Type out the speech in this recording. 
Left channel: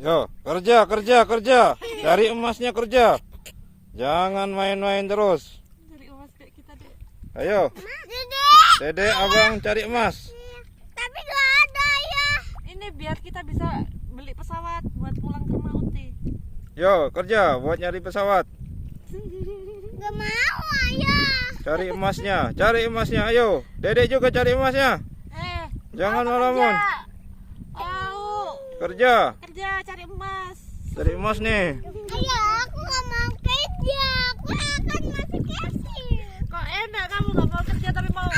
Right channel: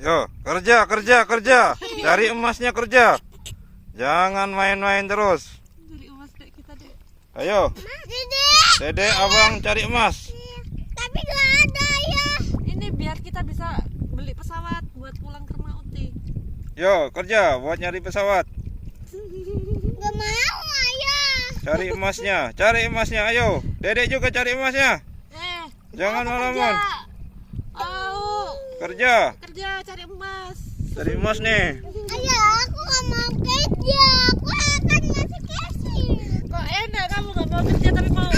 Yo, kerja, kerja, kerja. Cari emasnya kerja. Jangan main-main terus. Cari emas dek kita dek. Ayo, Dede. Dede, abang cari emas. Tapi gak ada ya. Ini biar kita bisa beli pesawat buat pulang ke rumah Uti. Yo, kerja buat nyari pesawat. Gak mau ayah. Cari emasnya. Ayo, Dede juga cari emasnya. Jangan apa malaman. kerja? Au, Kerja, cari emas. cari emas nih. Ayah, aku gak mau kerja. Aku akan masih kasih. Kok enak kamu gak mau kerja tapi mau